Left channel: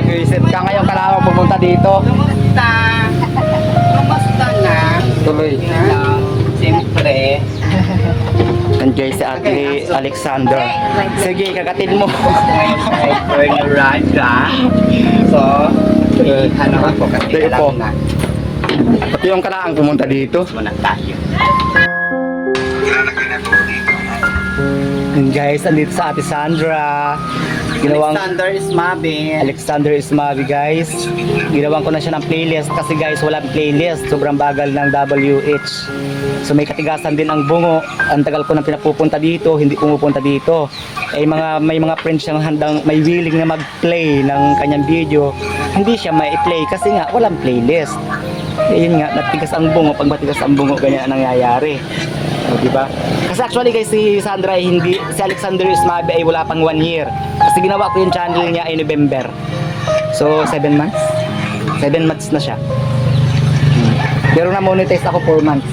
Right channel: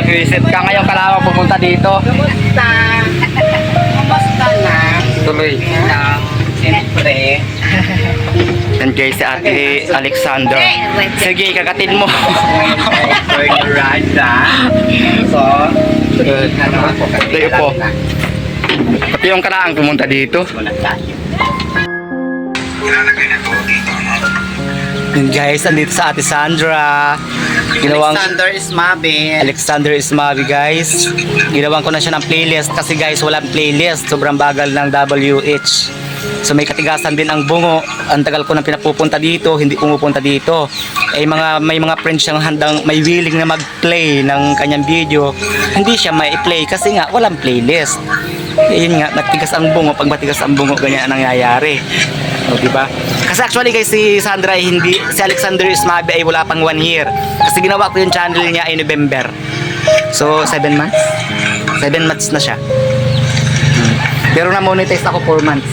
Nag-visit ka ngayon ka lamang pumunta dito. Kumusta? Kumusta na? Tuloy. Lang, siyempre. And guys, si Ate Alexander. Sige, kagatin mo. Your ride, So, Eh, ano kasi Tayo po. Pati yung karaang pumunta dito. Muna tayo. And guys, andito sa Ate Sandra. Ginawang Alexander Ismabel. Alexander Ismavi guys. Ginawan ko na siya ng playlist kasi guys walang playlist. Sobrang bagal ng WH. So may katigasan din ang bungo. Ang tagal ko nang pinapupunta dito, hindi pumupunta dito. Eh mga may mga friends siyang handang may willing na mag-play ng kanyang video. Hindi siya may play kasi nga walang playlist. Eh, yun nga, matigas ang bungo. Pag matigas ang bungo, ganyan ang nangyayari. O, di ba? Kasi actually guys, si Sandra ay hindi, si Alexander Ismabi ay wala pang one year. Kasi ginawa ko yung channel niya ay November. So, seven months? Seven months na siya. Hmm. Pero na-monetize ako 4 months.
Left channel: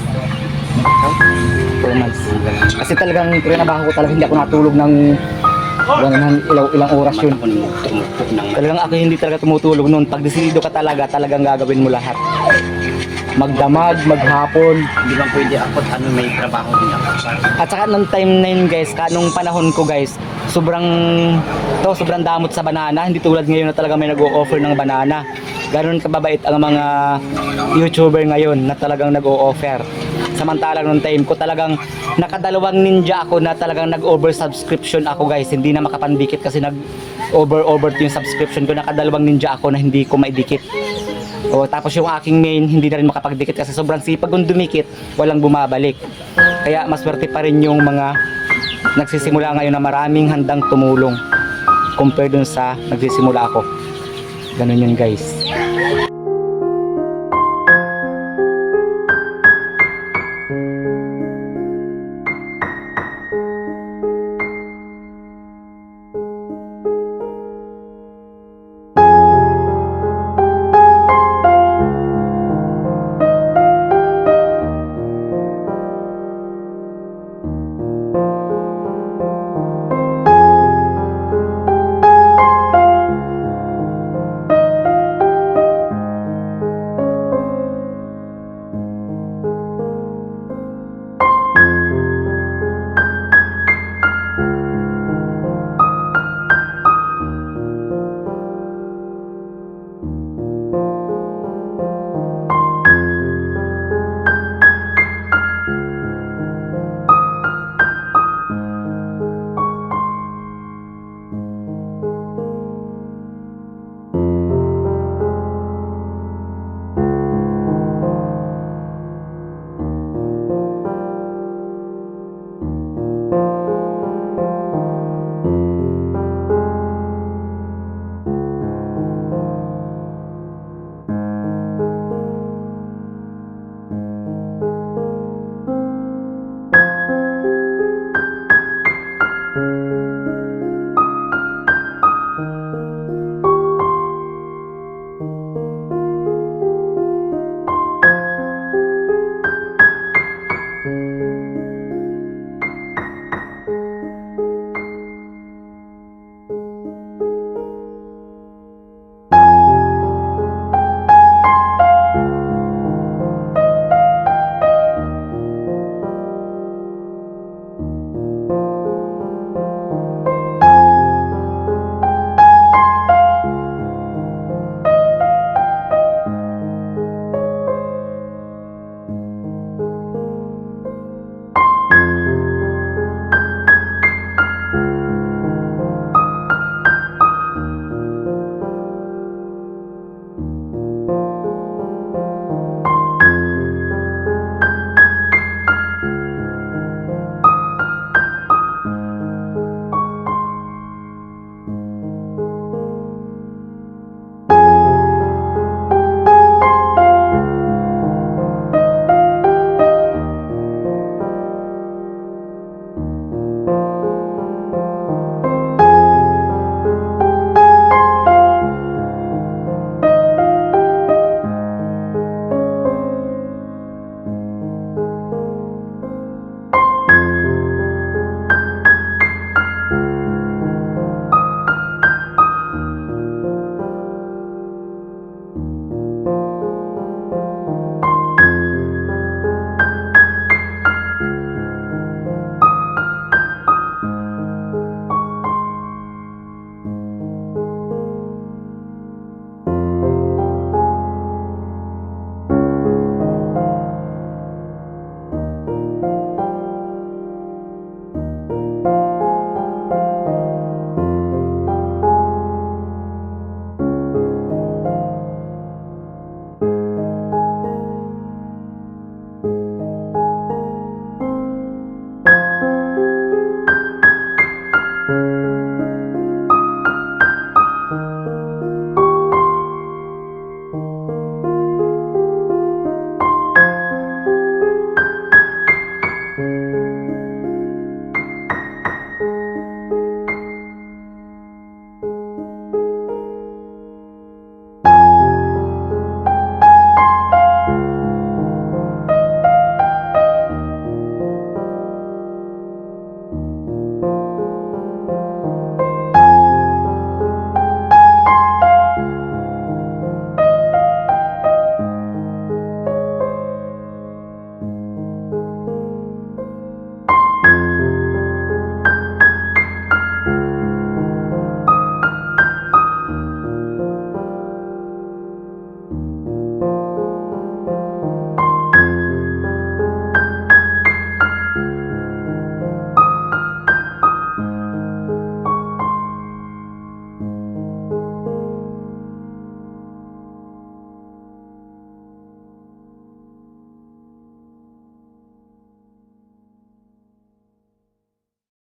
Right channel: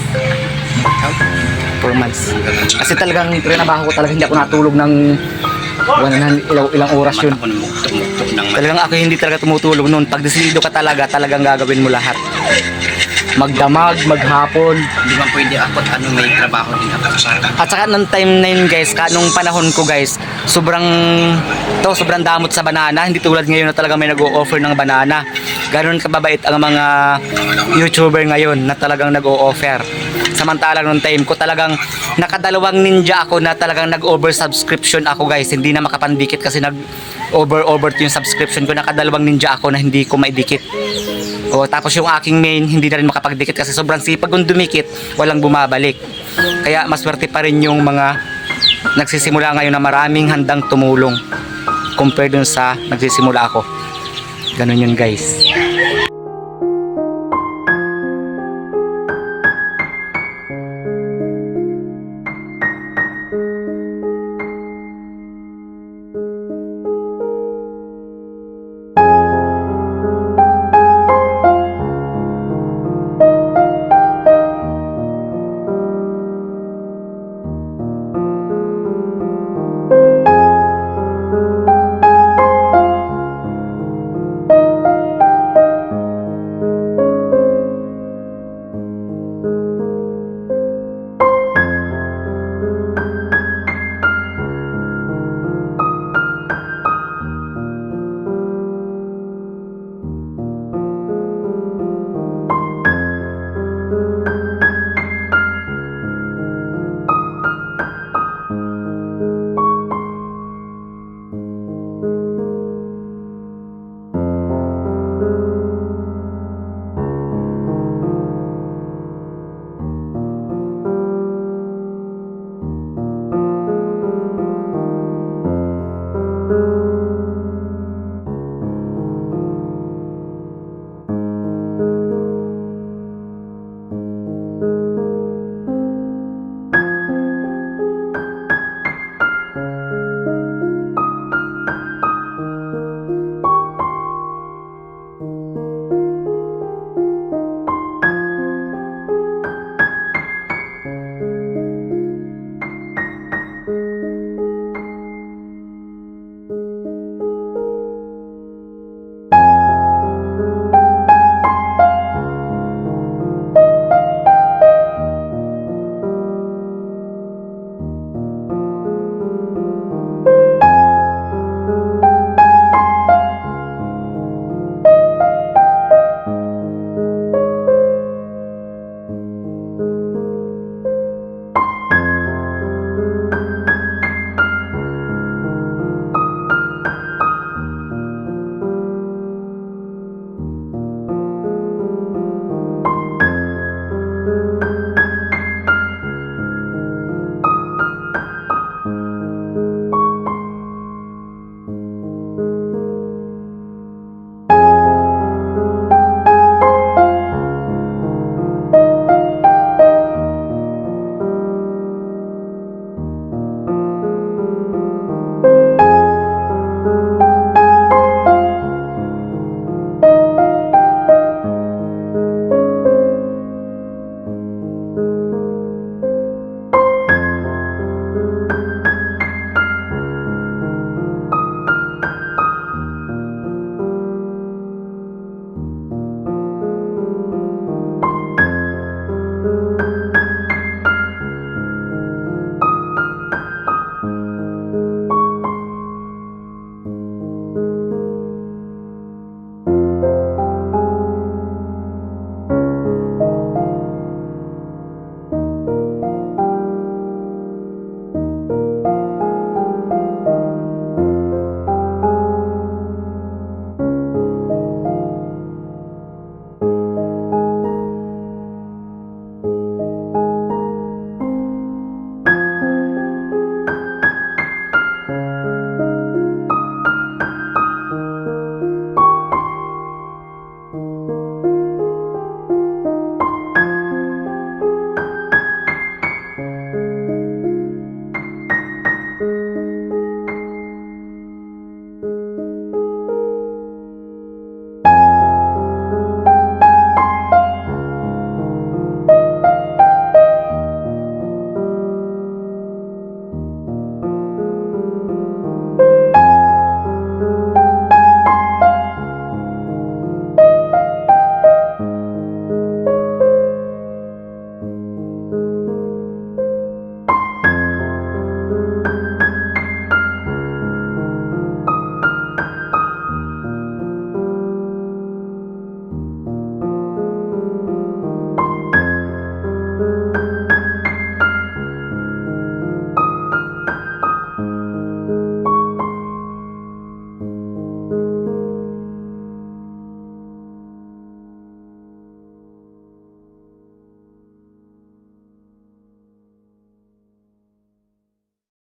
4 months. Kasi talagang trinabaho ko talaga hindi ako natulog ng wala na ilang, ilang oras yun. Talagang ako hindi talaga tumutulog noon. Pag desidido ka talaga, talagang gagawin mo lahat. Magdamag, maghapon. Hindi man pwede ako at ano may trabaho din ako. At saka nung time na yun guys, ka, nung panahon ko guys, sobrang to, sobrang damot sa banana. Hindi tulad ngayon na talaga may nag-o-offer ng banana. Ganon kababait ang mga YouTuber ngayon na talagang nag-o-offer. Samantalang nung time ko talagang nakadalawang ninja ako na talagang nag-over-subscription ako guys. Hindi na makapandikit kasi nag-over-over yung subscription ko. Nakadalawang ninja ako na hindi ko maidikit. O tapos yung aking main hindi na rin makapagdikit kasi sobrang sipag kung dumikit, walang bumabalik. Kaya maswerte pa rin yung mga nagsisimula ngayon na maraming handang tumulong compare dun sa nagsisimula ako. Ganun yun guys.